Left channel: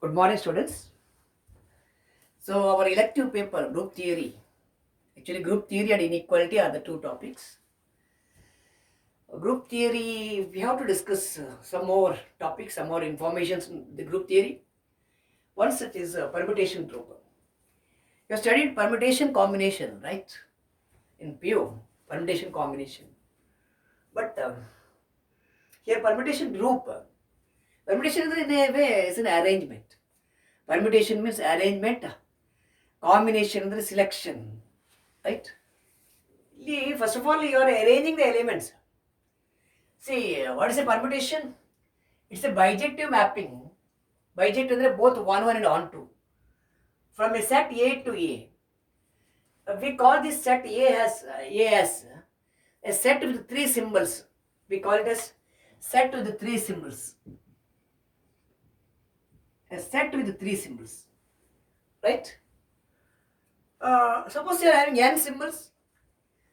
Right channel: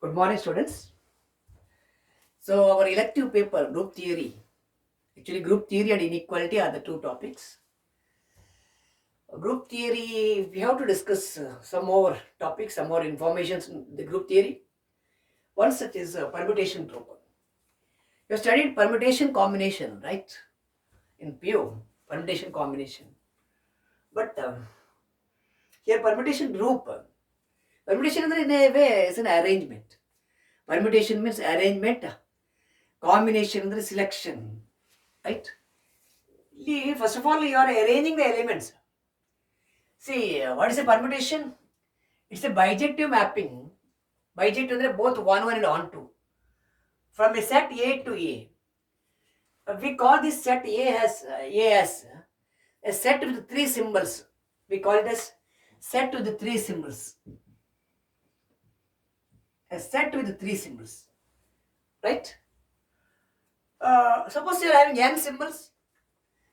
Good morning, students. So, our elective paper, group theory. Actually, group theory and inequality are the two topics. Group theory, we have to discuss some more topics, some more informations in the group theory. One such is permutation group. You have studied permutation combination, right? In PO, permutation combination. But here, permutation group. Permutation in a way is an arrangement. Permutation means arrangement, combination is selection, right? First of all, you are arranging the elements. See, what is a permutation? It's a bijective mapping. Bijective is both 1 and on 2. From a set A to A. We call this set A as a set with three symbols. We call it as set with three symbols. A set with three symbols. Right? Suppose you are having n symbols.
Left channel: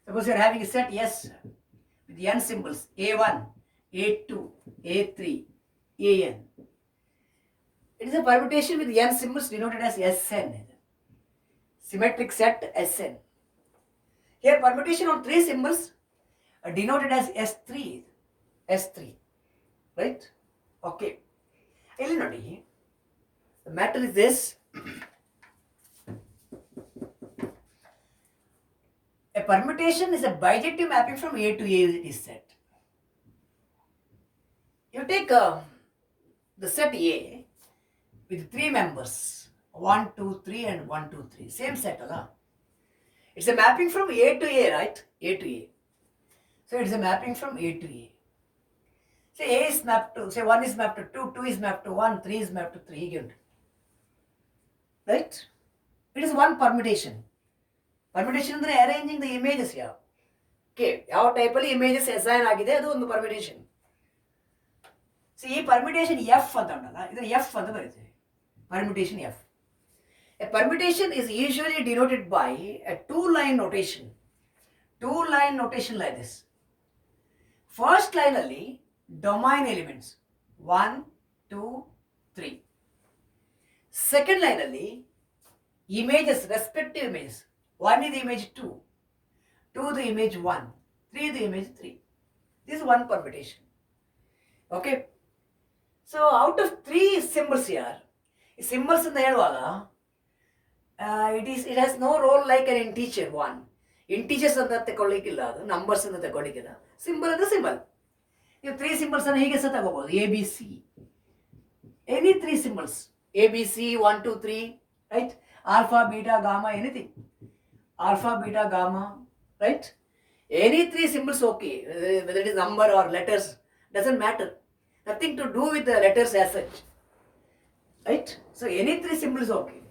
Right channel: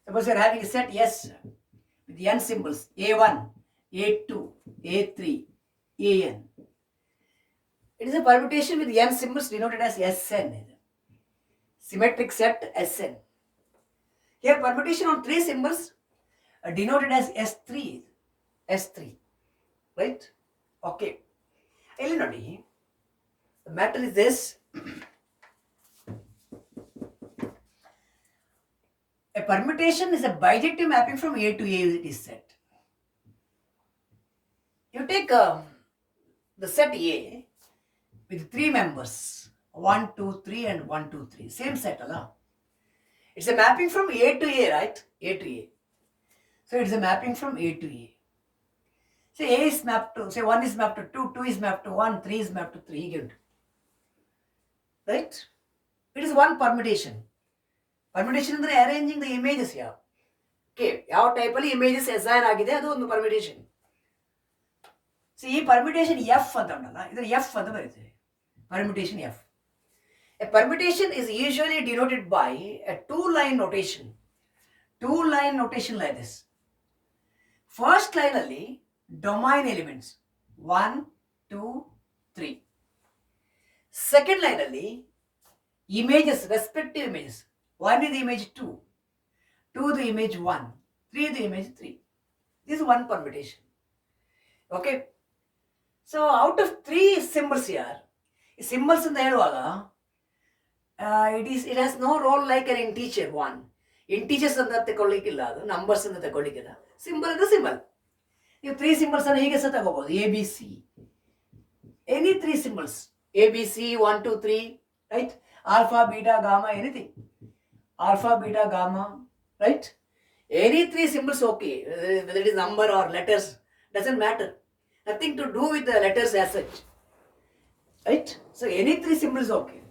Suppose you are having a set S with n symbols. A1, A2, A3, AN. It is a permutation with n symbols denoted as Sn. Symmetric set Sn. Here permutation on three symbols are denoted as S3. S3. Right? Okay. Elinodi, the matter is this. A permutation is a bijective mapping from A to A is said. You take the set A with three members 1, 2, 3 and 1, 2, 3. Same set, Allah. It's a mapping from A to A, right? A to A. So it's a mapping from A to A. Say A is mapped to, say 1 is mapped to 2, 2 is mapped to 1, 3 is mapped to 3. Good. Right? It is one permutation. Permutation is arranging the images here. Okay, ಯಾವ ಟೈಪಲ್ಲಿ images assign ಆಗಿದೆ ಅದು ಒಂದು permutation. C ಈ permutation F ಅಂತ ಉಂಟಲ್ಲ ಇದರ F ಅಂತ ಬರೀತೀವಿ. Permutation F. A permutation is usually denoted by a two-line notation. Two-line notation like this. First line ಅಲ್ಲಿ domain elements 1, 2, 3. Second line ಅಲ್ಲಿ images, respective images. 1 is the image 2, 2 the image 1, 3 the image 3. This is one permutation. Okay. So out of three symbols here, symbols in the ಹೇಳುವಾಗ it has no role like an integer one. Integers ಅಂತ ತಗೊಳ್ಳಿಕ್ಕಿಲ್ಲ, ಅದು numbers ಅಂತ ತಗೊಳ್ಳಿಕ್ಕಿಲ್ಲ. Symbol ಅಂದ್ರೆ symbol. ನೀವು three symbols ಅನ್ನು ಹೀಗೆ ಸಹ ತಗೋಬಹುದು. A B C, any three symbols, A B C 1, 2, 3, right? Alpha beta gamma, anything. Alpha, beta, gamma, right? Any three symbols okay, whether it is number or letters, doesn't matter. Nothing to do with the letters as such, right? So any three symbols okay.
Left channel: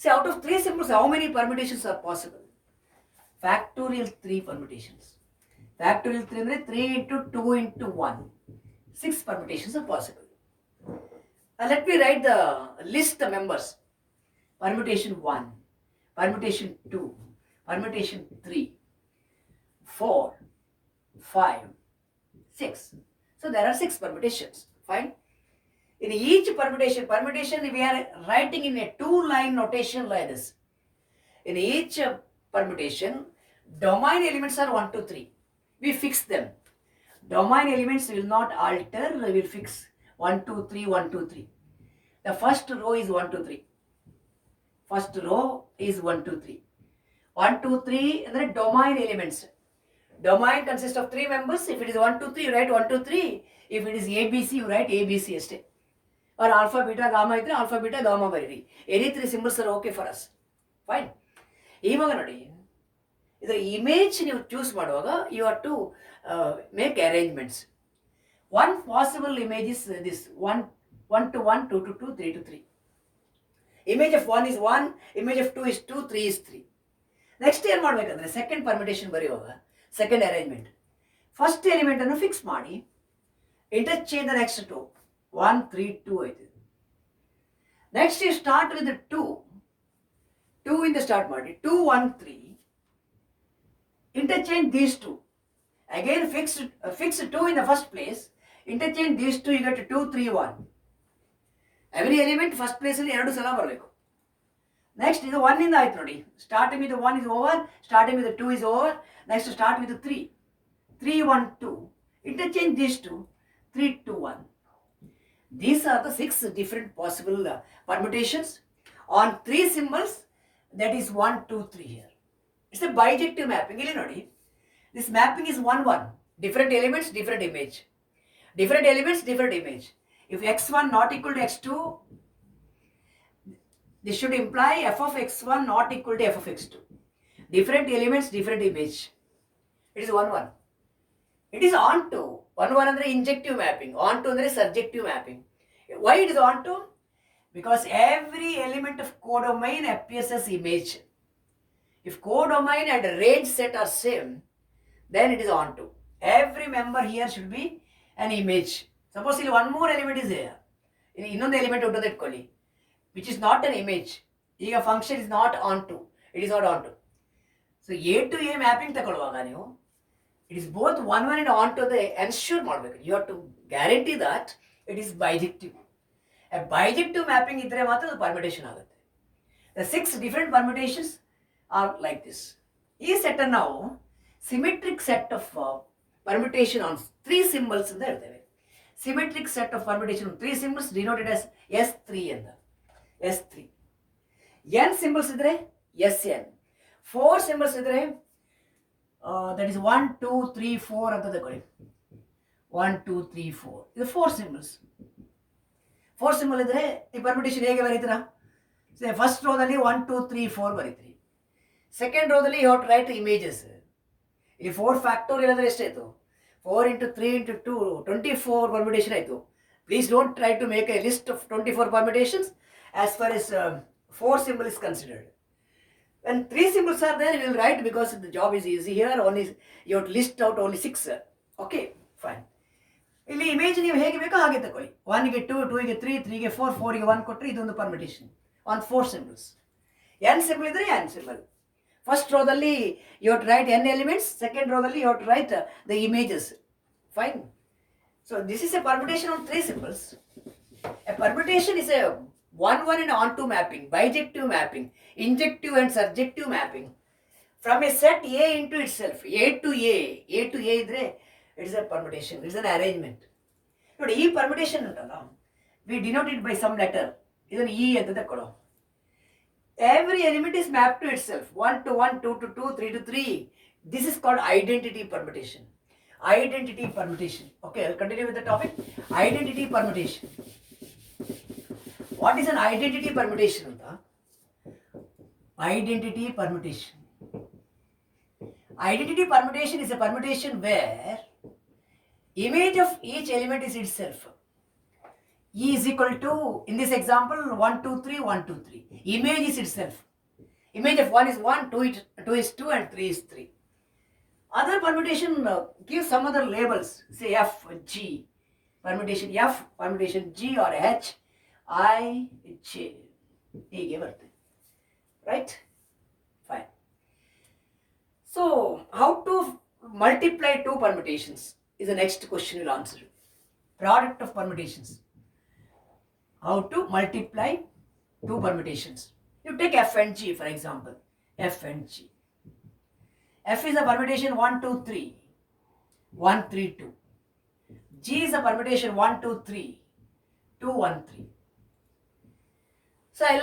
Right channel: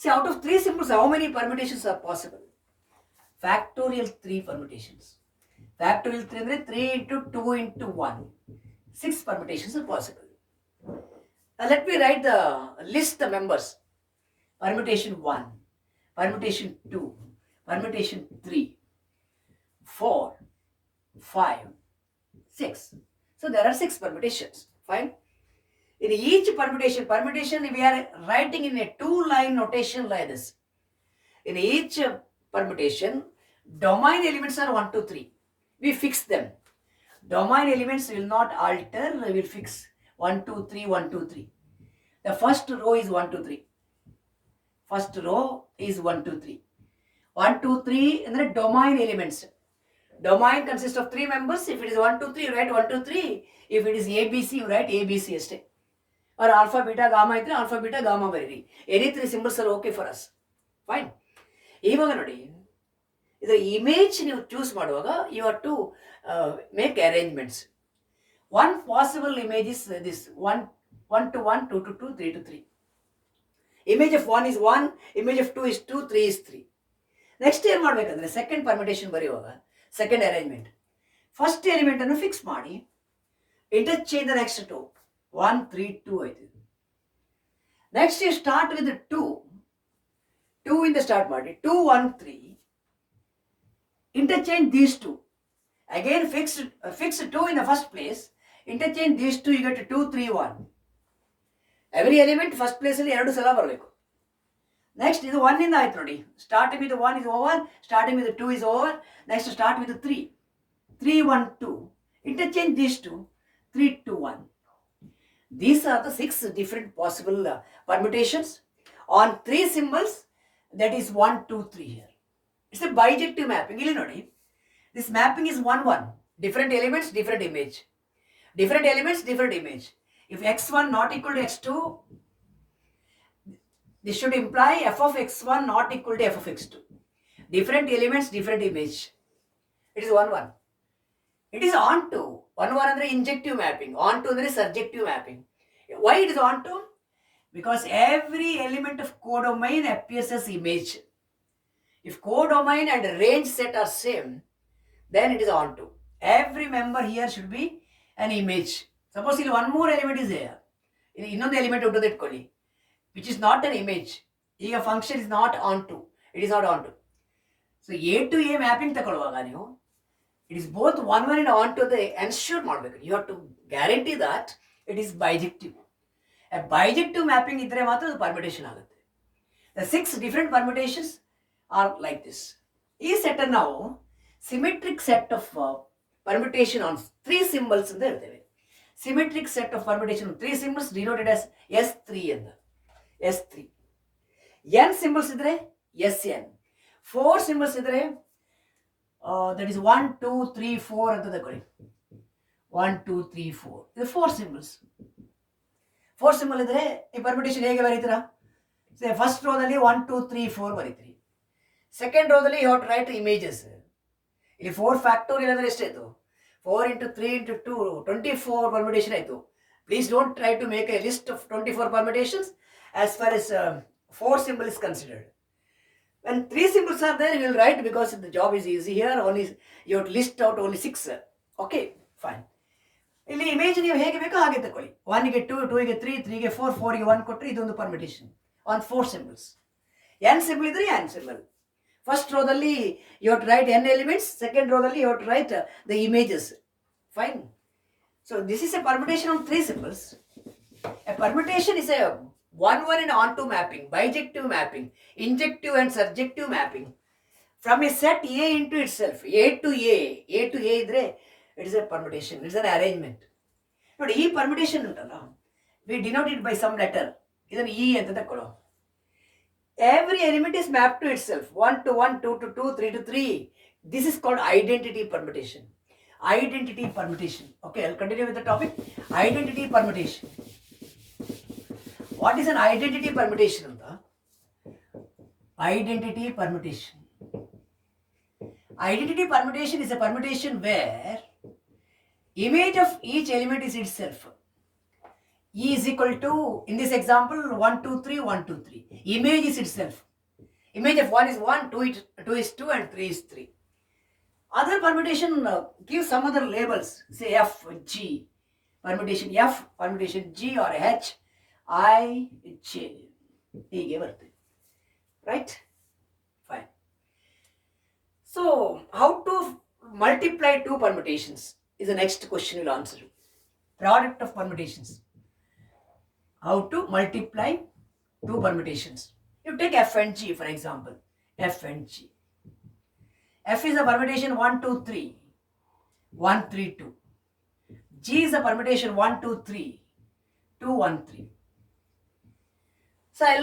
See, out of three symbols, how many permutations are possible? Factorial 3 permutations. Factorial 3 ಅಂದರೆ 3 into 2 into 1. 6 permutations are possible. Let me write the list the members. Permutation 1. Permutation 2, permutation 3, 4, 5, 6. So there are 6 permutations. Fine. In each permutation we are writing in a two-line notation like this. In each permutation, domain elements are 1, 2, 3. We fix them. Domain elements will not alter, we will fix 1, 2, 3, 1, 2, 3. The first row is 1, 2, 3. First row is 1, 2, 3. 1, 2, 3 and the domain elements. Domain consists of three members. If it is 1, 2, 3, you write 1, 2, 3. If it is ABC, you write ABC ಅಷ್ಟೇ. Or alpha, beta, gamma ಇದ್ರೆ alpha, beta, gamma ಬರೀರಿ. Any three symbols are okay for us. Fine. ಇವಾಗ ನೋಡಿ, ಇದರ image ನೀವು choose ಮಾಡುವಾಗ you have to make arrangements. One possible image is this 1 to 1, 2 to 2, 3 to 3. Image of 1 is 1, image of 2 is 2, 3 is 3. Next ಏನು ಮಾಡಬೇಕಂದ್ರೆ second permutation ಬರೆಯುವಾಗ second arrangement first element ಅನ್ನು fix ಮಾಡಿ ಇಂಟರ್ಚೇಂಜ್ ದ ನೆಕ್ಸ್ಟ್ 2 1, 3, 2 ಆಯ್ತು. Next you start with 2 ಇಂದ start ಮಾಡಿ 2, 1, 3 interchange these two. Again fix 2 in the first place, interchange these two, you get 2, 3, 1. Every element first ಪ್ಲೇಸಲ್ಲಿ 2 ಸಲ ಬರಬೇಕು. Next ಇದು 1 ಇಂದ ಆಯ್ತು ನೋಡಿ. Starting with 1 is over, starting with 2 is over. Next start with 3. 3, 1, 2. Interchange these two. 3, 2, 1. These are the 6 different possible permutations on 3 symbols. That is 1, 2, 3 here. It's a bijective mapping. Illi nodi. This mapping is 1, 1. Different elements, different image. Different elements, different image. If x1 not equal to x2, this should imply f of x1 not equal to f of x2. Different elements, different image. It is 1, 1. It is onto. 1, 1 andre injective mapping. Onto andre surjective mapping. Why it is onto? Because every element of codomain appears as image. If codomain and range set are same, then it is onto. Every member here should be an image. Suppose one more element is there. Innondu element untadu itkoli, which is not an image. ಈಗ function is not onto. It is not onto. So A to A mapping ತಗೊಳ್ಳುವಾಗ ನೀವು it is both 1, 1 and onto the ensure ಮಾಡಬೇಕು. You have to guarantee that it is bijective. A bijective mapping ಇದ್ರೆ ಮಾತ್ರ ಅದು permutation ಆಗುತ್ತೆ. The 6 different permutations are like this. ಈ set ಅನ್ನು ನಾವು symmetric set of permutation on 3 symbols ಅಂತ ಹೇಳ್ತೇವೆ. Symmetric set of permutation on 3 symbols denoted as S3 ಅಂತ. S3. N symbols ಇದ್ರೆ Sn. 4 symbols ಇದ್ರೆ that is 1, 2, 3, 4 ಅಂತ ತಗೊಳ್ಳಿ. 1, 2, 3, 4. ಇದು 4 symbols. 4 symbol ಇದ್ರೆ ಈ permutation ಹೇಗೆ ಬರೀತೀರಾ? ಫಸ್ಟ್ ರೋದಲ್ಲಿ 1, 2, 3, 4 ಬರೀತೀರಿ. ಸೆಕೆಂಡ್ ರೋದಲ್ಲಿ you have to write images. ಇಲ್ಲಿ 4 ಫ್ಯಾಕ್ಟೋರಿಯಲ್ ಅಂದರೆ ಎಷ್ಟಾಯಿತು? 4 into 3 into 2, 24 permutation ಆಯಿತು. Please don't try to make a list of 24 permutations as far as 4 symbol is considered. When 3 symbols are there, you will write because the job is easy here. Only you have to list out only 6. Okay, fine. ಇಲ್ಲಿ image ನೀವು ಹೇಗೆ ಬೇಕೋ ಹಾಗೆ ತಗೊಳ್ಳಿ. 1ಗೆ 2, 2ಗೆ 3, 3ಗೆ 4, 4ಗೆ 1 ಕೊಟ್ಟರೆ ಇದೊಂದು permutation on 4 symbols. n symbol ಇದ್ರೆ n symbol. First ರೋದಲ್ಲಿ you have to write n elements, second ರೋದಲ್ಲಿ you have to write the images. Fine. So this is a permutation on 3 symbols. A permutation is a 1, 1 and onto mapping, bijective mapping, injective and surjective mapping from a set A into itself. A to A ಇದ್ರೆ it is a permutation, it is an arrangement. ನೋಡಿ ಈ permutation ಉಂಟಲ್ಲ, we denote it by some letter. ಇದನ್ನು E ಅಂತ ತಕೊಳ್ಳೋ. Every element is mapped to itself. 1 to 1, 2 to 2, 3 to 3. This is called identity permutation. Identity permutation. Okay, I'll continue with the topic. Identity permutation. What is an identity permutation? Identity permutation. Identity permutation is a permutation where image of each element is itself. E is equal to, in this example, 1, 2, 3, 1, 2, 3. Image is itself. Image of 1 is 1, 2 is 2 and 3 is 3. Other permutation gives some other labels. Say F, G. Permutation F, permutation G or H, I, J. ಹೀಗೆ ಬರ್ತದೆ. Right? Fine. So, how to multiply 2 permutations is the next question we'll answer. Product of permutations. How to multiply 2 permutations. You take F and G for example. F and G. F is a permutation 1, 2, 3. 1, 3, 2. G is a permutation 1, 2, 3. 2, 1, 3. So I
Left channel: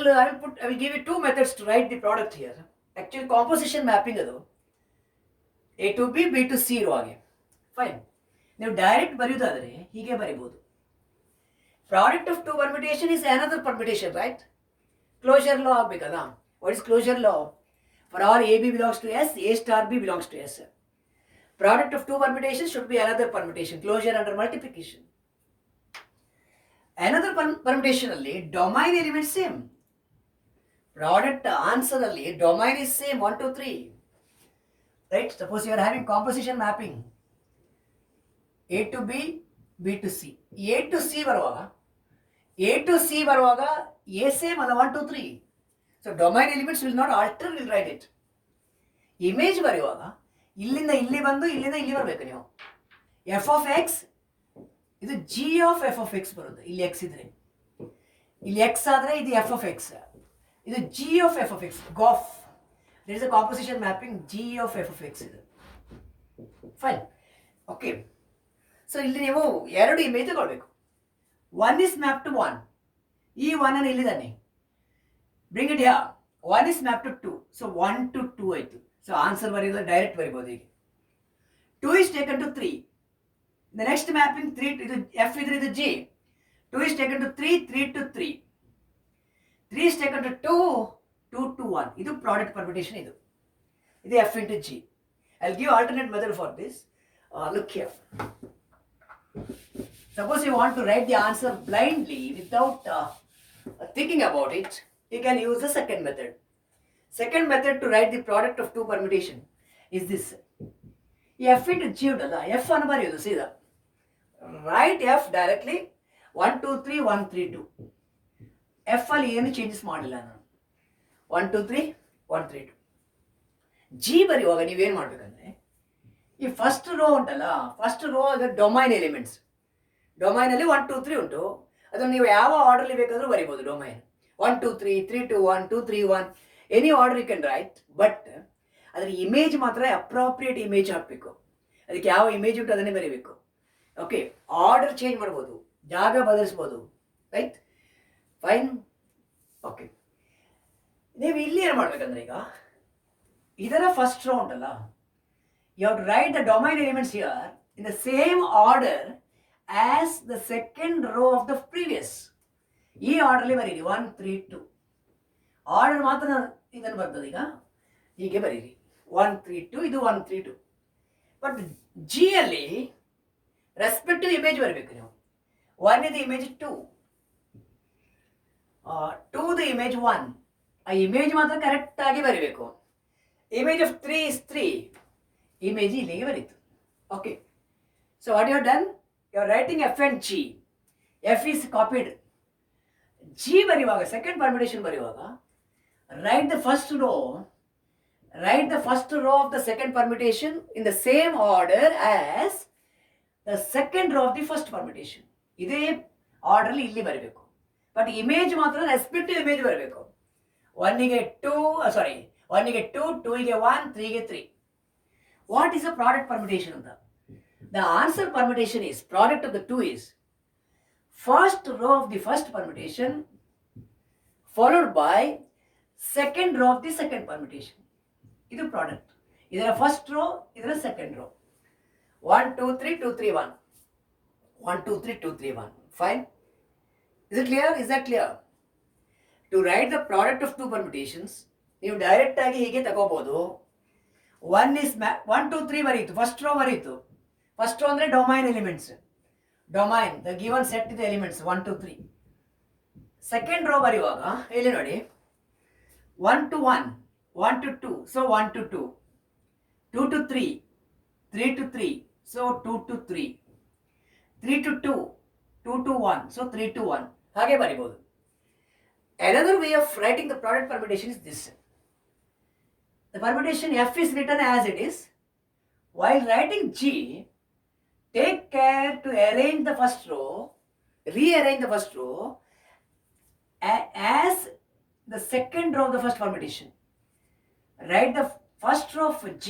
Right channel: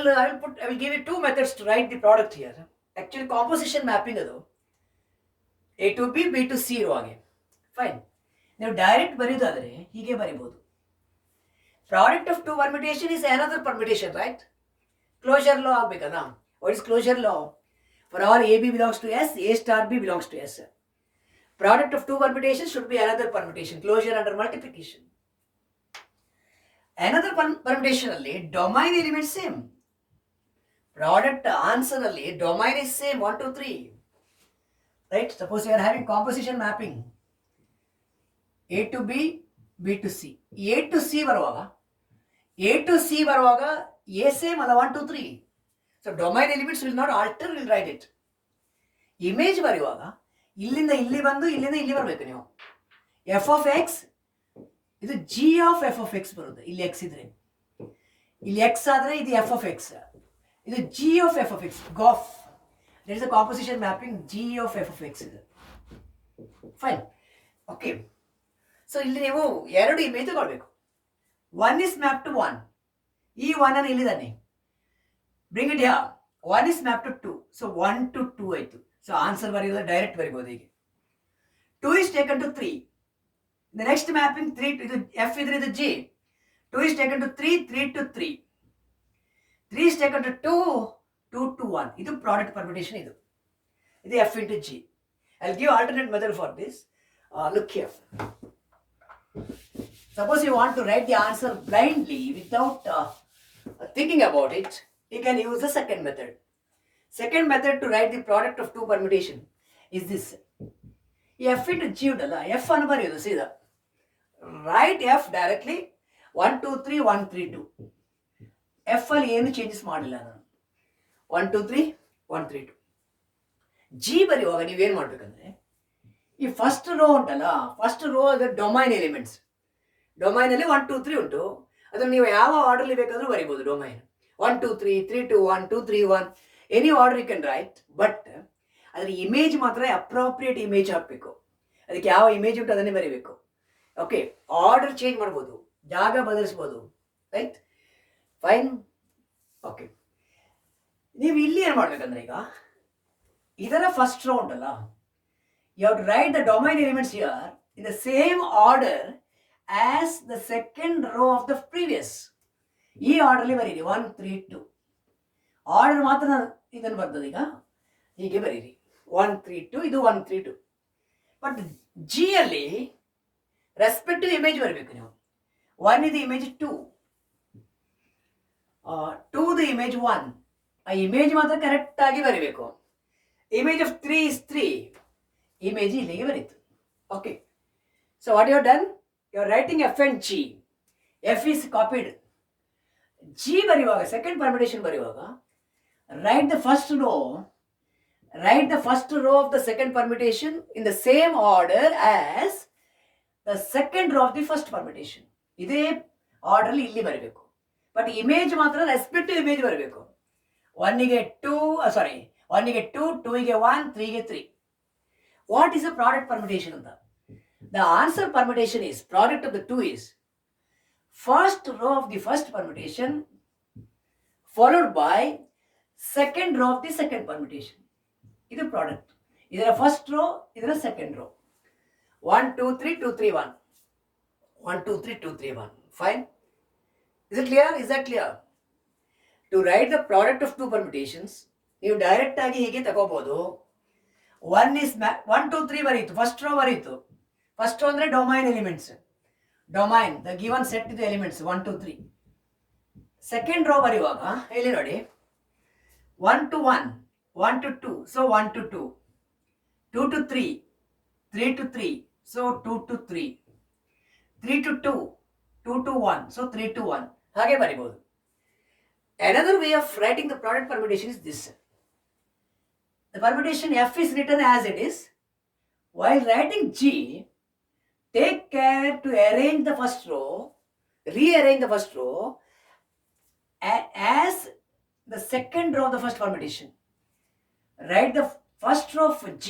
will give you 2 methods to write the product here. Actually composition mapping adu A to B, B to C ಇರುವಾಗೆ. Fine. ನೀವು direct ಬರೆಯೋದಾದರೆ ಹೀಗೆ ಬರಿಬೋದು. Product of 2 permutation is another permutation, right? Closure law ಆಗಬೇಕಲ್ಲ. What is closure law? For all AB belongs to S, A star B belongs to S. Product of 2 permutations should be another permutation. Closure under multiplication. Another permutation ಅಲ್ಲಿ domain element same. Product answer ಅಲ್ಲಿ domain is same 1, 2, 3. Right? Suppose you are having composition mapping. A to B, B to C. A to C ಬರುವಾಗ A same ಅಲ್ಲ 1, 2, 3. So domain elements will not alter, will write it. Image ಬರೆಯುವಾಗ ಇಲ್ಲಿಂದ ಇಲ್ಲಿ ಬಂದು ಇಲ್ಲಿಂದ ಇಲ್ಲಿ ಬರಬೇಕು ನೀವು. F of x ಇದು G of F of x ಬರುತ್ತೆ ಇಲ್ಲಿ x ಇದ್ರೆ. ಇಲ್ಲಿ ಎಕ್ಸ್ ಆದರೆ ಇದು ಎಫ್ ಆಫ್ ಎಕ್ಸ್, ಇದು g of f of x, gof. That is a composition mapping g of f of x ಇದು. ಫೈನ್. ಓಕೆ, ಸೊ ಇಲ್ಲಿ ನೀವು ಎರಡು ಇಮೇಜ್ ತಗೊಳ್ಬೇಕು. One is map to one, ಈ ಒನ್ ಅನ್ನು ಇಲ್ಲಿದ್ದಾನೆ, bring it yeah. One is map to two, so 1 to 2 ಆಯಿತು. So answer ಬರೆಯೋದು ಡೈರೆಕ್ಟ್ ಬರಿಬೋದು ಹೀಗೆ. 2 is taken to 3. The next mapping 3 ಇದು F ಇದ್ರೆ ಇದು G. 2 is taken to 3, 3 to 3. 3 is taken to 2, 2 to 1. ಇದು product permutation ಇದು. ಇದು F into G. I'll give alternate method for this. Look here. Suppose you want to write the answer blindly without thinking about it, you can use the second method. Second method to write the product of two permutation is this. F into G ಉಂಟಲ್ಲ, F ಅನ್ನು ಬರೆಯೋದು ಸೀದಾ. Right F directly 1 2 3 1 3 2. F ಅಲ್ಲಿ ಏನು changes ಮಾಡಿಲ್ಲ ನಾನು. 1 2 3 1 3 2. G ಬರೆಯುವಾಗ ನೀವೇನು ಮಾಡಬೇಕಂದ್ರೆ, ಈ ಫಸ್ಟ್ ರೋ ಉಂಟಲ್ಲ, ಫಸ್ಟ್ ರೋ ಅದರ ಡೊಮೈನ್ ಎಲಿಮೆಂಟ್ಸ್. ಡೊಮೈನಲ್ಲಿ 1 2 3 ಉಂಟು, ಅದನ್ನು ನೀವು ಯಾವ ಆರ್ಡರ್ಲಿ ಬೇಕಾದರೂ ಬರಿಬೋದು. Domain 1 2 3 3 2 1 2 3 1 any order you can write. But ಅದರ ಇಮೇಜ್ ಮಾತ್ರ ಅಪ್ರಾಪ್ರಿಯೇಟ್ ಇಮೇಜ್ ಹಾಕಬೇಕು. ಅದಕ್ಕೆ ಯಾವ ಇಮೇಜ್ ಉಂಟು ಅದನ್ನೇ ಬರೀಬೇಕು. ಓಕೆ, ಆರ್ಡರ್ ಚೇಂಜ್ ಮಾಡ್ಬೋದು, ಜಾಗ ಬದಲಿಸ್ಬೋದು. Right, fine. ಓಕೆ, ನೀವು ಇಲ್ಲಿ ಏನು ಮಾಡಬೇಕಂದ್ರೆ, ಈಗ ಇದರ ಫಸ್ಟ್ ರೋ ಉಂಟಲ್ಲ, you have to write the domain elements here in the same order as the second row of the previous. ಈ ಆರ್ಡರ್ಲಿ ಬರೀರಿ 1 3 2. ಆರ್ಡರ್ ಮಾತ್ರ ಇದನ್ನು ಬರ್ತದೆ. ಈಗ ಹೀಗೆ ಬರೀರಿ 1 3 2, ಇದು 1 3 2. ಬಟ್ ಜಿ ಅಲ್ಲಿ ರೆಸ್ಪೆಕ್ಟಿವ್ ಇಮೇಜ್ ಬರಬೇಕು ನೀವು. 1 ಇದು ಇಮೇಜ್ 2, 2 ದ ಇಮೇಜ್ 1. ಆ ಇಮೇಜ್ ಮಾತ್ರ ಕರೆಕ್ಟಾಗಿ ಬರೀಬೇಕು. ಇಮೇಜ್ ಆಫ್ 3 is 3, ಇಮೇಜ್ ಇಲ್ಲಿಗೆ ಬರೀತು. Okay, so what you are done, you are writing f and g. F is copied. G ಬರೆಯುವಾಗ, ಸೆಕೆಂಡ್ ಪರ್ಮಿಟೇಷನ್ ಬರೆಯುವಾಗ, write the first row of the second permutation in the same order as the second row of the first permutation. ಇದೇ order ಇಲ್ಲಿ ಬರಬೇಕು. But image ಮಾತ್ರ respective image ಬರಬೇಕು. 1ಗೆ 2, 2ಗೆ 1, 3ಗೆ 3. What is a product permutation ಅಂತ? The answer permutation is, product of the two is first row of the first permutation followed by second row of the second permutation. ಇದು product. ಇದರ first row, ಇದರ second row. 1 2 3 2 3 1. 1 2 3 2 3 1. Fine. Is it clear? Is that clear? To write the product of two permutations, ನೀವು direct ಆಗಿ ಹೀಗೆ ತಗೋಬಹುದು. 1 is 1 2 3 ಬರೀತು, first row ಬರೀತು. First row ಅಂದರೆ domain elements. Domain the given set ಇದೆ ಎಲಿಮೆಂಟ್ಸ್ 1 2 3. ಸೆಕೆಂಡ್ ರೋ ಬರೆಯುವಾಗ ಇಲ್ಲಿ ನೋಡಿ, 1 to 1, 1 to 2, so 1 to 2, 2 to 3, 3 to 3, so 2 to 3, 3 to 2, 2 to 1, so 3 to 1. ಹಾಗೆ ಬರಿಬಹುದು. Another way of writing the product permutation is this. The permutation F is written as it is. While writing G, take care to arrange the first row, rearrange the first row as the second row of the first permutation. Write the first row of G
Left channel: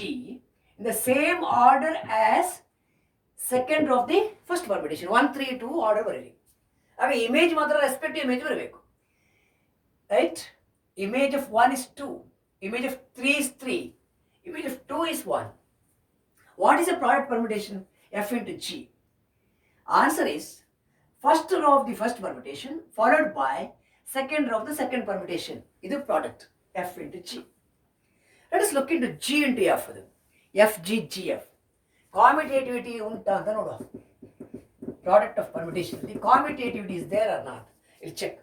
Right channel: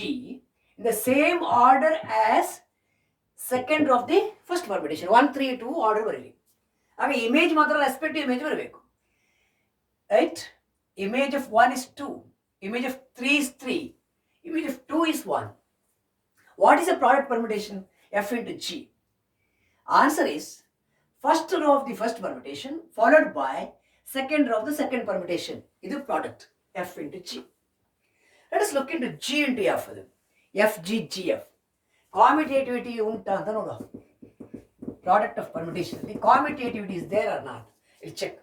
in the same order as second row of the first permutation. 1 3 2 order ಬರೀರಿ. ಆಗ image ಮಾತ್ರ respective image ಬರಬೇಕು. Right, image of 1 is 2, image of 3 is 3, image of 2 is 1. What is the product permutation? F into G. Answer is first row of the first permutation followed by second row of the second permutation. This is product F into G. Let us look into G into F. F, G, G, F. Commutativity unta anta nodu. Product of permutation. The commutativity is there or not? We'll check.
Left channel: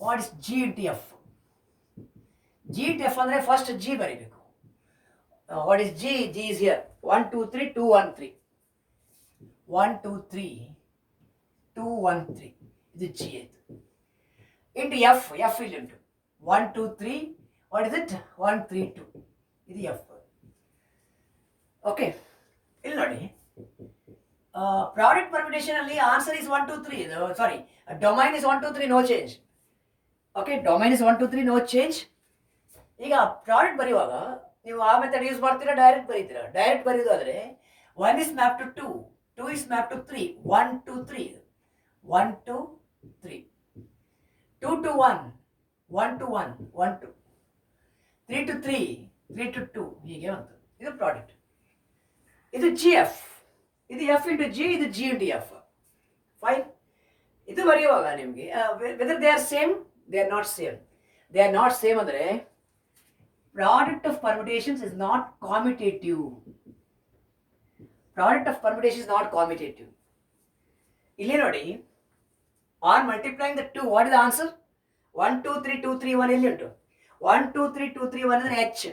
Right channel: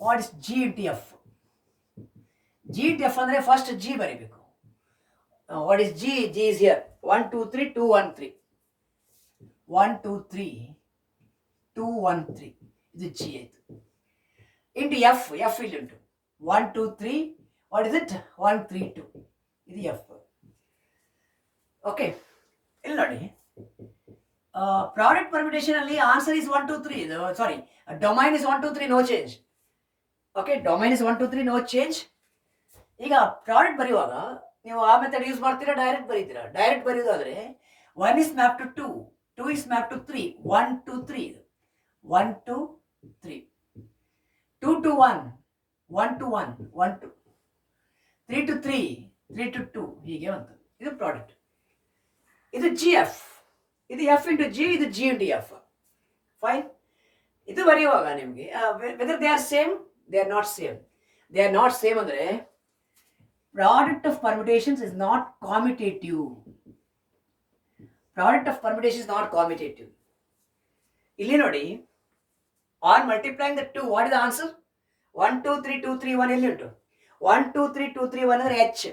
What is G into F? G into F andre first G ಬರಿಬೇಕು. What is G? G is here. 1 2 3 2 1 3. 1 2 3 2 1 3. This is G. Into F, F will into 1 2 3. What is it? 1 3 2. This is F. Okay. ಇಲ್ಲಿ ನೋಡಿ, product permutation ಅಲ್ಲಿ answer is 1 2 3. Sorry, domain is 1 2 3, no change. Okay, domain is 1 2 3, no change. ಈಗ product ಬರೆಯುವಾಗ ನೀವು ಆ method use ಮಾಡ್ತೀರಾ, direct ಬರೀತೀರಾ? Direct ಬರೆಯೋದಾದ್ರೆ 1 is mapped to 2, 2 is mapped to 3, 1 2 3, 1 2 3, 2 to 1, 1 to 1, 1 to 3 to 3, 3 to 2, ಹೀಗೆ ಬಂತು. ಇದು ಪ್ರಾಡಕ್ಟ್. ಇದು ಜಿ ಎಫ್, ಇದು ಎಫ್ ಇಂಟು ಜಿ, ಇದು ಜಿ ಇಂಟು ಎಫ್. ಫೈನ್. ಇದು ಬರೆಯುವಾಗ ನಿಮಗೆ whether they are same, they are not same. They are not same ಅಂದರೆ product of permutations is not commutative. Product of permutation is not commutative. ಇಲ್ಲಿ ನೋಡಿ, on multiplying the 2, what is the answer? 1 2 3 2 3 1 ಎಲ್ಲಿ ಉಂಟು? 1 2 3 2 3 1 ಅಂದರೆ h.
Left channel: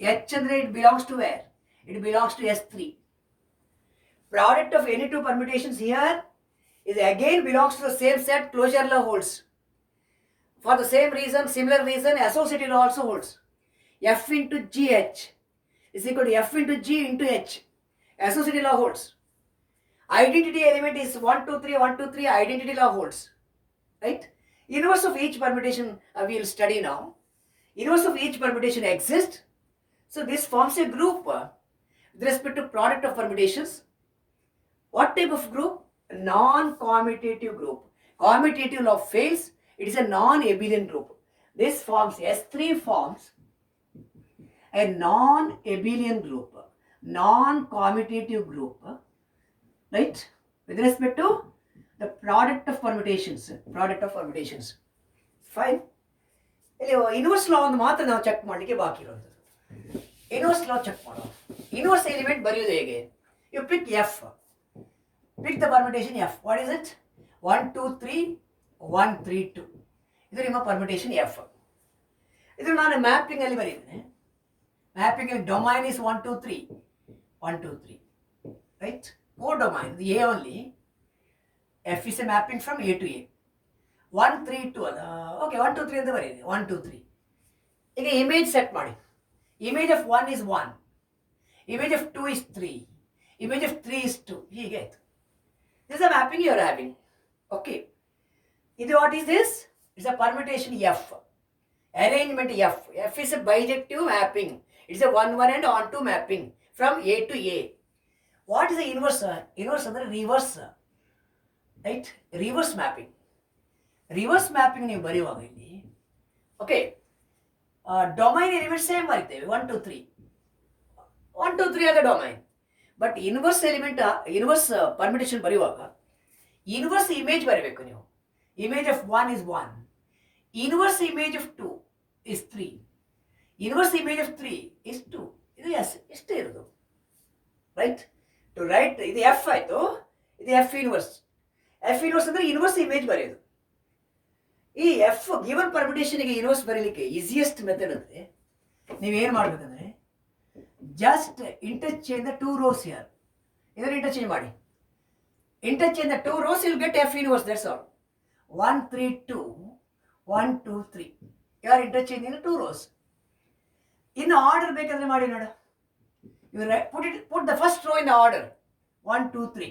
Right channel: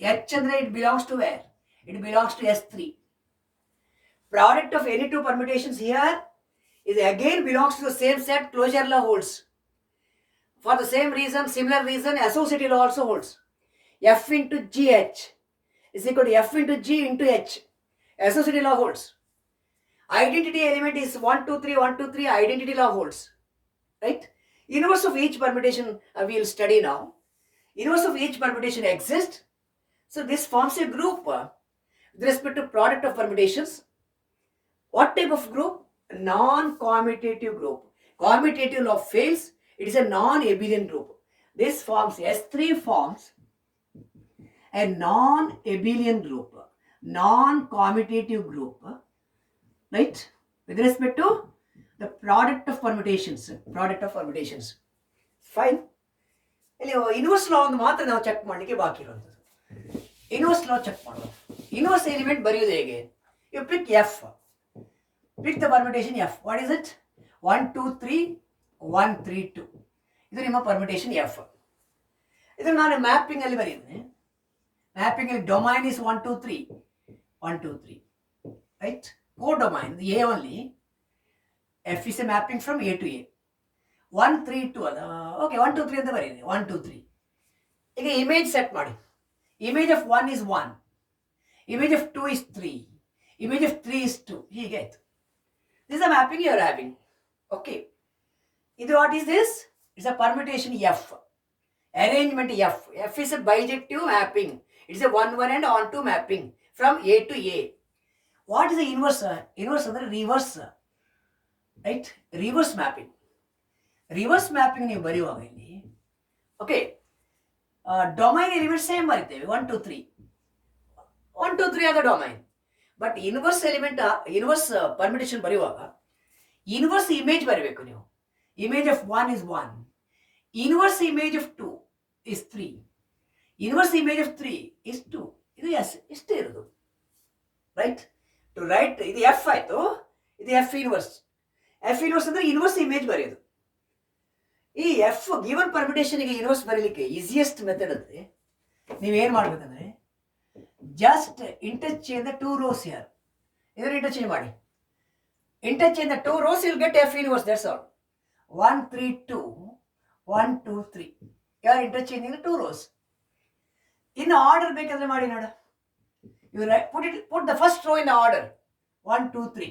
h ಅಂದರೆ it belongs to where? It belongs to S3. Product of any two permutations here is again belongs to the same set. Closure law holds. For the same reason, similar reason, associative law also holds. F into GH is equal to F into G into H. Associative law holds. Identity element is 1 2 3 1 2 3. Identity law holds. Right? Inverse of each permutation we will study now. Inverse of each permutation exists. So this forms a group with respect to product of permutations. What type of group? Non-commutative group. Commutative law fails. It is a non-abelian group. This forms S3 forms a non-abelian group, non-commutative group, right? With respect to the product of permutations. Product of permutations. Fine. ಇಲ್ಲಿ inverse law ಒಂದು ಮಾತ್ರ ನಾವು check ಮಾಡಲಿಕ್ಕೆ ಬಾಕಿ ಇರುವಂಥದ್ದು. Inverse law check ಮಾಡೋದು. Inverse element ಬರೆಯೋದು ಹೇಗೆ? You pick f. Pick the permutation f. What is it? 1 2 3 1 3 2. ಇದು ನಿಮ್ಮ ಪರ್ಮಿಟೇಷನ್ ಎಫ್. ಇದು ನಾನು ಮ್ಯಾಪಿಂಗ್ ಅಲ್ಲಿ ಬರೀತೀನಿ. Mapping of domain is 1 2 3, 1 2 3, right? Co-domain, the A only. F is a mapping from A to A. 1 3 2. Okay, 1 2 3 ಅಂತ ಬರೀರಿ. 1 2 3. ಈಗ image set ಮಾಡಿ. Image of 1 is 1. Image of 2 is 3. Image of 3 is 2. ಹೀಗೆ ಆಯ್ತು. This is a mapping you are having. Okay. ಇದು what is this? It's a permutation F. Arrangement F. F is a bijective mapping. It's a 1 1 and on to mapping from A to A. What is the inverse? Inverse ಅಂದರೆ reverse. Right? Reverse mapping. Reverse mapping ನೀವು ಬರೆಯುವಾಗ ಇಲ್ಲಿ, okay, domain element same ಬರಿತೇವೆ 1 2 3. 1 2 3 ಆದ domain. But inverse element, inverse permutation ಬರೆಯುವಾಗ inverse image ಬರಬೇಕು ನೀವು. Image of 1 is 1. Inverse image of 2 is 3. Inverse image of 3 is 2. ಇದು S ಇಷ್ಟೇ ಇರೋದು. ರೈಟ್? ಟು ರೈಟ್ ಇದು ಎಫ್ ಆಯಿತು, ಇದು ಎಫ್ ಇನ್ವರ್ಸ್. ಎಫ್ ಇನ್ವರ್ಸ್ ಅಂದರೆ ಇನ್ವರ್ಸ್ ಇಮೇಜ್ ಬರೆಯೋದು. ಈ ಎಫ್ ಗಿವನ್ ಪರ್ಮಿಟೇಷನ್ಗೆ ಇನ್ವರ್ಸ್ ಬರೀಲಿಕ್ಕೆ ಈಸಿಯೆಸ್ಟ್ ಮೆಥಡ್ ಅಂದರೆ ನೀವೇನು ಮಾಡಬೇಕಂದ್ರೆ just interchange the 2 rows here. ಇದನ್ನು ಇಂಟರ್ಚೇಂಜ್ ಮಾಡಿ. Interchange the 2 rows, you'll get F inverse. That's all. 1 3 2, 1 2 3. You are interchanging the 2 rows. In order ಬೇಕಂದ್ರೆ ಮಾಡಿ ನೋಡ. You put the first row in the order. 1 2 3.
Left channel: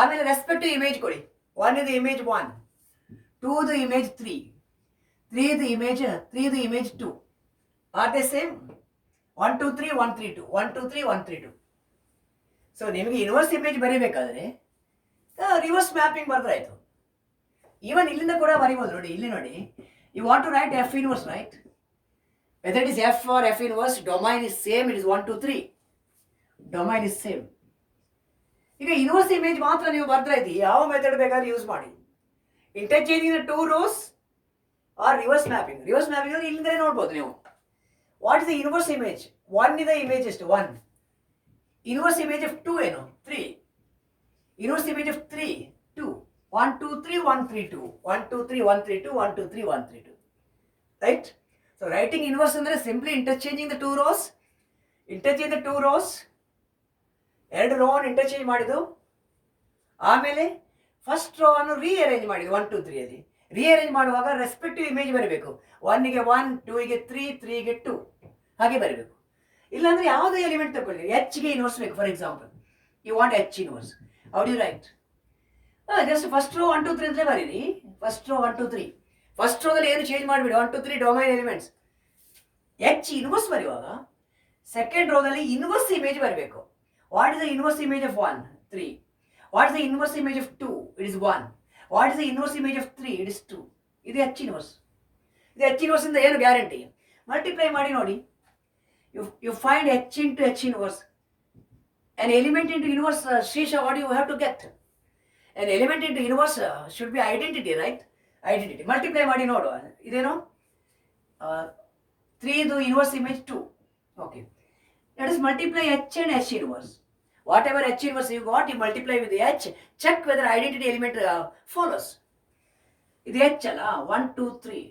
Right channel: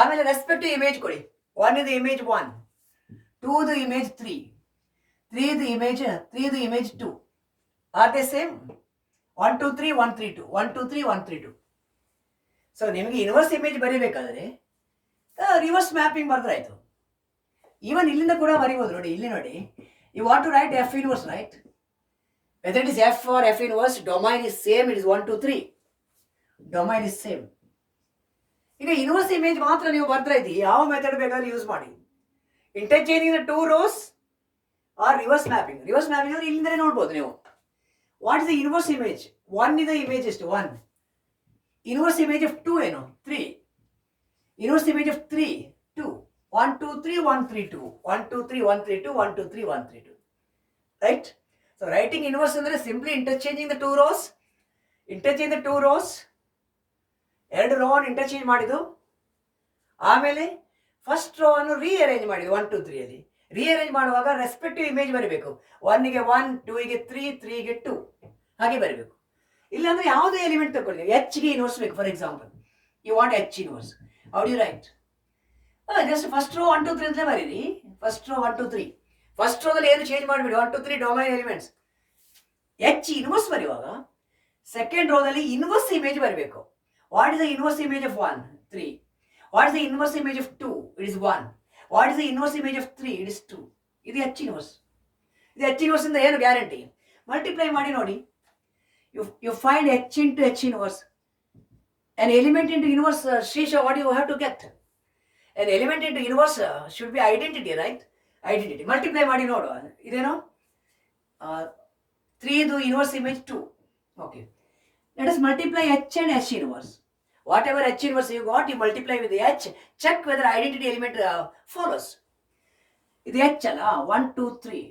ಆಮೇಲೆ respective image ಕೊಡಿ. 1 is the image 1, 2 the image 3, 3 the image 2. Are they same? 1 2 3 1 3 2, 1 2 3 1 3 2. ಸೊ ನಿಮಗೆ inverse image ಬರೀಬೇಕಾದ್ರೆ reverse mapping ಬರೆದ್ರಾಯ್ತು. Even ಇಲ್ಲಿಂದ ಕೂಡ ಬರೀಬೋದು ನೋಡಿ. ಇಲ್ಲಿ ನೋಡಿ, you want to write f inverse, right? Whether it is f or f inverse, domain is same. It is 1 2 3. Domain is same. ಈಗ ಇನ್ವರ್ಸ್ ಇಮೇಜ್ ಮಾತ್ರ ನೀವು ಬರ್ದ್ರಾಯ್ತು. ಯಾವ ಮೆಥಡ್ ಬೇಕಾದ್ರೆ ಯೂಸ್ ಮಾಡಿ. Interchanging the 2 rows or reverse mapping. Reverse mapping ಅಂದರೆ ಇಲ್ಲಿಂದಲೇ ನೋಡ್ಬೋದು ನೀವು. What is the inverse image? 1 ಇದೆ ಇಮೇಜ್ ಎಷ್ಟು? 1. ಇನ್ವರ್ಸ್ ಇಮೇಜ್ ಆಫ್ 2 ಏನು? 3. Inverse image of 3 2. 1 2 3 1 3 2, 1 2 3 1 3 2, 1 2 3 1 3 2. Right? So writing inverse ಅಂದರೆ simply interchanging the 2 rows. Interchange the 2 rows. 2 rho ಅನ್ನು interchange ಮಾಡಿದ್ದು. ಆಮೇಲೆ ಫಸ್ಟ್ ರೋ ಅನ್ನು ರೀಅರೇಂಜ್ ಮಾಡಿದ್ದು 1 2 3 ಅಲ್ಲಿ. ರೀಅರೇಂಜ್ ಮಾಡುವಾಗ ರೆಸ್ಪೆಕ್ಟಿವ್ ಇಮೇಜ್ ಬರಬೇಕು. 1 ಗೆ 1, 2 ಗೆ 3, 3 ಗೆ 2 ಹಾಗೆ ಬರಬೇಕು. ಇಲ್ಲಾಂದ್ರೆ ಯಾವುದೇ ಎಲಿಮೆಂಟ್ ತಗೊಳ್ಳಿ, ಎಚ್ ಗೆ ಇನ್ವರ್ಸ್ ಬೇಕು. For example, you want h inverse. How do you write? Just first row 1 2 3 ಅಂತ ಬರೀರಿ. First row 1 2 3. ಫಸ್ಟ್ ರೋದಲ್ಲಿ ಏನು ಚೇಂಜ್ ಮಾಡಿಬಿಡಿ, 1 2 3 ಡೊಮೈನ್ ಎಲಿಮೆಂಟ್ಸ್. ಎಚ್ ಇನ್ವರ್ಸ್ ಬರೆಯುವಾಗ ಸೆಕೆಂಡ್ ರೋದಲ್ಲಿ ಇನ್ವರ್ಸ್ ಇಮೇಜ್ ಬರಬೇಕು. What is the inverse image of 1? 3. What is the inverse image of 2? It is 1. What is the inverse image of 3? It is 2. ಇದು H inverse. ಇದು H inverse ಇಂದ ಏನು guarantee? Multiply ಮಾಡಿ ನೋಡಿ. You find H into H inverse. An element into inverse, Srisha, what do you have to get? An element into inverse should be identity, right? Identity. Multiply ಮಾಡಿ ನೋಡು. ಇದೇನು 3 ಇದು inverse image 2. Okay. Let us multiply h and h inverse. Whatever h inverse you got, you multiply with the h. Check whether identity element follows. ಇದು h ಅಲ್ಲ, 1 2 3.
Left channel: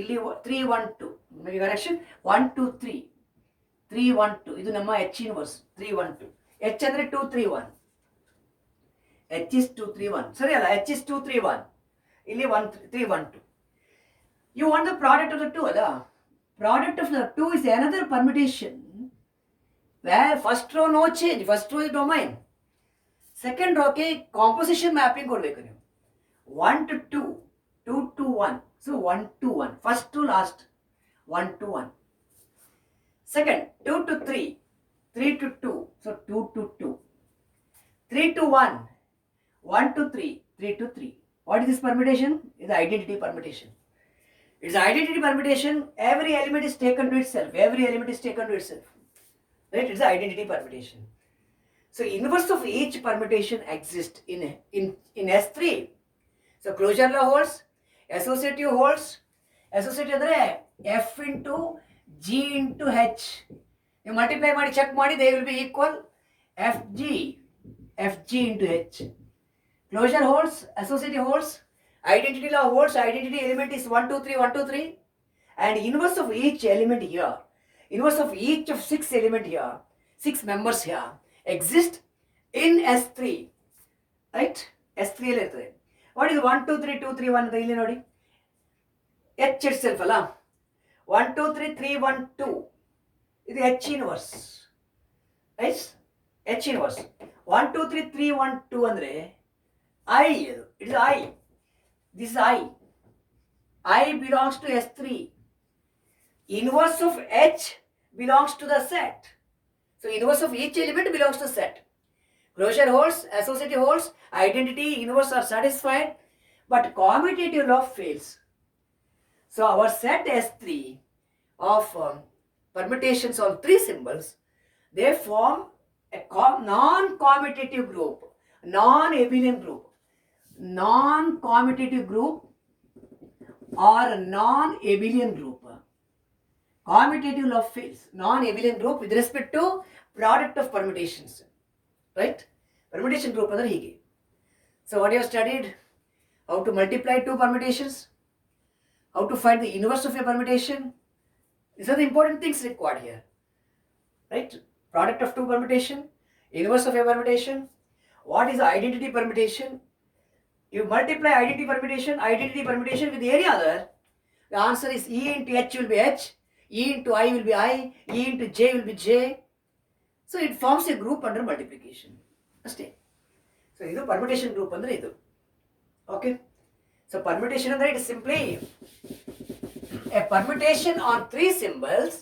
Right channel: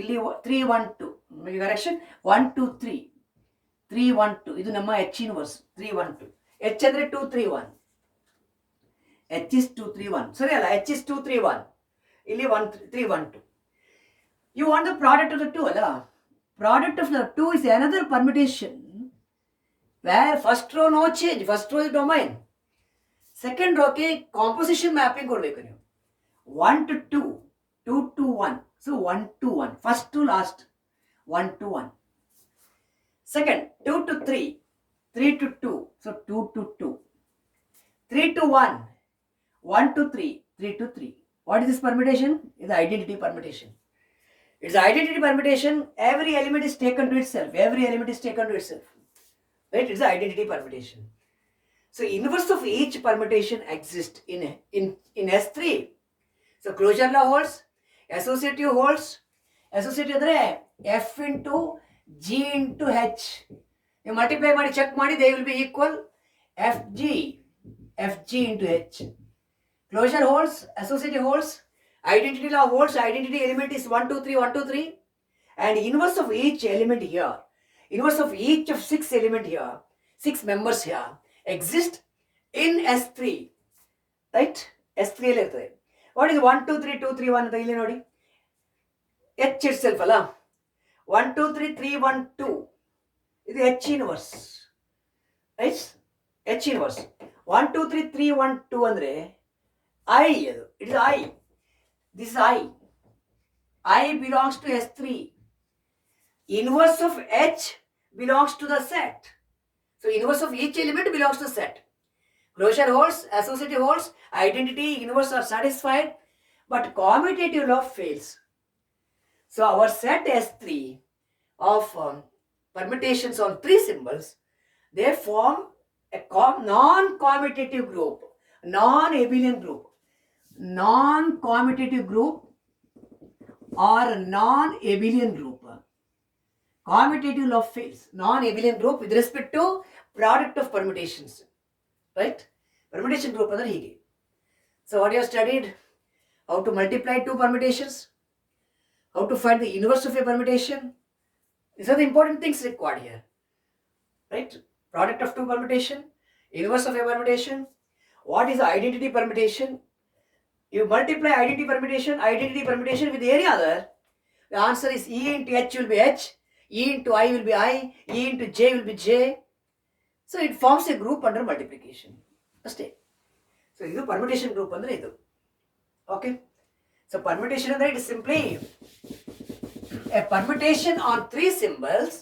ಇಲ್ಲಿ 3 1 2. Make correction. 1 2 3. 3 1 2. ಇದು ನಮ್ಮ h inverse 3 1 2. h ಅಂದ್ರೆ 2 3 1. h is 2 3 1. ಸರಿ ಅಲ್ಲ, h is 2 3 1. ಇಲ್ಲಿ 1 3 1 2. You want the product of the two ಅಲ್ಲ. Product of the two is another permutation where first row no change. First row is domain. Second row ಗೆ composition mapping ಕೊಡಬೇಕು ನೀವು. 1 to 2, 2 to 1. So 1 to 1. First to last. 1 to 1. Second, 2 to 3, 3 to 2, so 2 to 2. 3 to 1, 1 to 3, 3 to 3. What is this permutation? It's the identity permutation. It's the identity permutation. Every element is taken to itself. Every element is taken to itself. Right? It's the identity permutation. So inverse of each permutation exists in S3. So closure law holds, associative holds. Associative ಅಂದ್ರೆ F into G into H. You multiply ಮಾಡಿ check ಮಾಡಿ, they will be equal FG into H. Closure holds, associative holds, identity law holds. Identity element is 1 2 3 1 2 3, and inverse of each element here, inverse of each of 6 element here, 6 members here exist in S3, right? S3 ಅಲ್ಲಿ ಇರ್ತದೆ. What is 1 2 3 2 3 1 ಅಂತ ಇಲ್ಲಿ ನೋಡಿ, H itself ಅಲ್ಲ. 1 2 3 3 1 2. ಇದು H inverse, right? H inverse. 1 2 3 3 1 2 ಅಂದ್ರೆ I. It is I. This is I. I belongs to S3. Inverse of H belongs to the set. So inverse of each element belongs to set. Closure holds, associative holds, identity, inverse are satisfied, but commutative law fails. So our set S3 of permutations on 3 symbols, they form a non-commutative group, non-abelian group. Non-commutative group or non-abelian group. Commutative law fails. Non-abelian group with respect to product of permutations. Right? Permutation group ಅಂದರೆ ಹೀಗೆ. So what you have studied? How to multiply 2 permutations? How to find the inverse of a permutation? These are the important things required here. Right? Product of 2 permutation, inverse of a permutation. What is the identity permutation? You multiply identity permutation with any other. The answer is E into H will be H, E into I will be I, E into J will be J. So it forms a group under multiplication. ಅಷ್ಟೇ. So ಇದು permutation group ಅಂದರೆ ಇದು. Okay. So permutation ಅಂದರೆ it is simply a permutation on 3 symbols.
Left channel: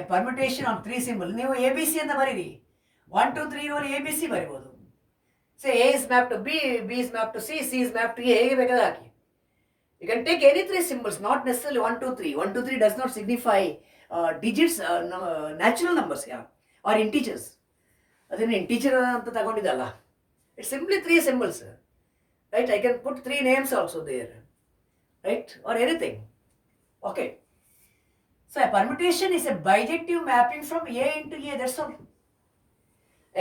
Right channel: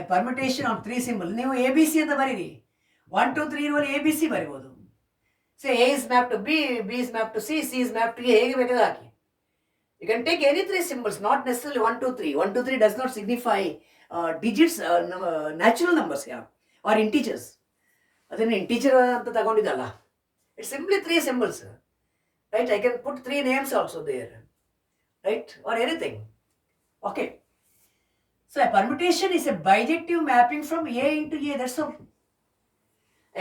A permutation on 3 symbols. ನೀವು ABC ಅಂತ ಬರೀರಿ. 1 2 3 ಇರುವಲ್ಲಿ ABC ಬರೀಬಹುದು. Say A is mapped to B, B is mapped to C, C is mapped to A. ಹೇಗೆ ಬೇಕಾದ್ರೆ ಹಾಕಿ. You can take any 3 symbols, not necessarily 1 2 3. 1 2 3 does not signify digits, natural numbers here, or integers. ಅದನ್ನು integer ಅಂತ ತಗೊಂಡಿದ್ದಲ್ಲ. It's simply 3 symbols. Right? I can put 3 names also there. Right? Or anything. Okay. So a permutation is a bijective mapping from A into A. That's all.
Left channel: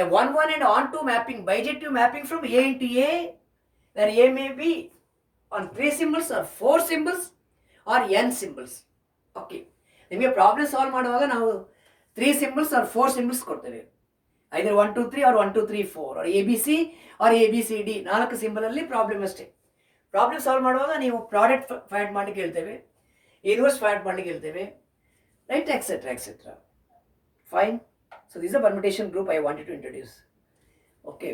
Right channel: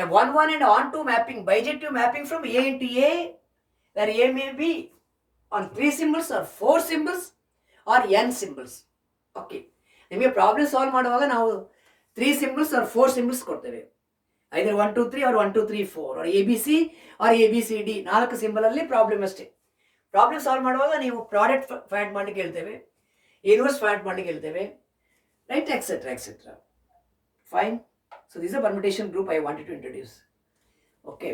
A 1 1 and on 2 mapping, bijective mapping from A into A, where A may be on 3 symbols or 4 symbols or n symbols. Okay. ನಿಮಗೆ problem solve ಮಾಡುವಾಗ ನಾವು 3 symbols or 4 symbols ಕೊಡ್ತೇವೆ. ಐದರ್ 1 2 3 or 1 2 3 4 or ABC or ABCD 4 symbol ಅಲ್ಲಿ problem ಅಷ್ಟೇ. Problem solve ಮಾಡುವಾಗ ನೀವು product find ಮಾಡಲಿಕ್ಕೆ ಹೇಳ್ತೇವೆ, ಇನ್ವರ್ಸ್ ಫೈಂಡ್ ಮಾಡಲಿಕ್ಕೆ ಹೇಳ್ತೇವೆ, right, etcetera etcetera. Fine. So this is a permutation group I wanted to introduce. Okay.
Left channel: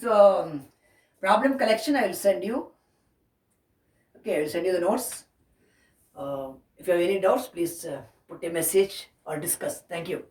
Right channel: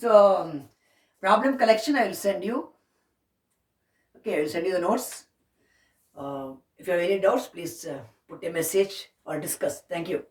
So, problem collection I will send you. Okay, I will send you the notes. If you have any doubts, please put a message or discuss. Thank you.